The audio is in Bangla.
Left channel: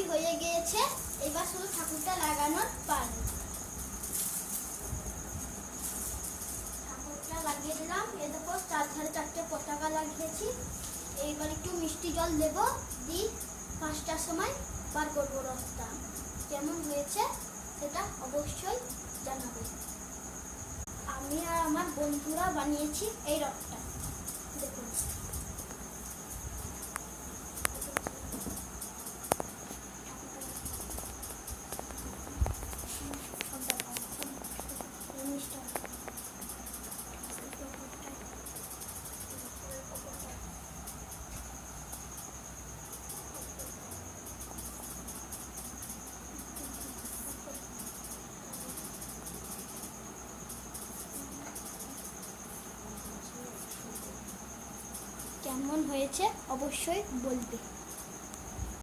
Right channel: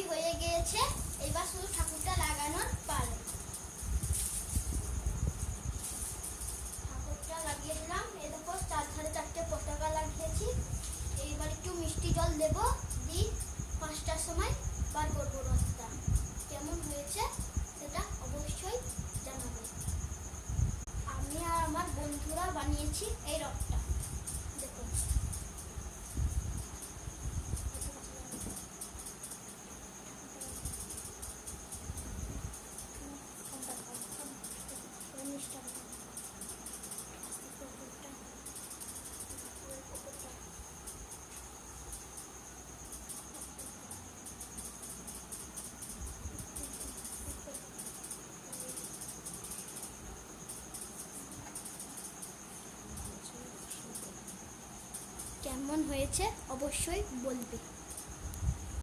সবই হয়ে গিয়েছে, এবার শুধু ঠাকুরটা লাগানোর পালা। ঠাকুরটা লাগিয়ে দিলাম। এই দেখো চারধারে 4টে পতাকা লাগিয়েছি। এইবার একটু মিষ্টি জল দেব, দিয়ে 5টার সময় বার করবো রথটা। কেমন হয়েছে সেটা অবশ্যই জানাবে। আমি আর আমার বন্ধুরা বানিয়েছি এই রথটা, দেখুন। কেমন হয়েছে অবশ্যই বলবে।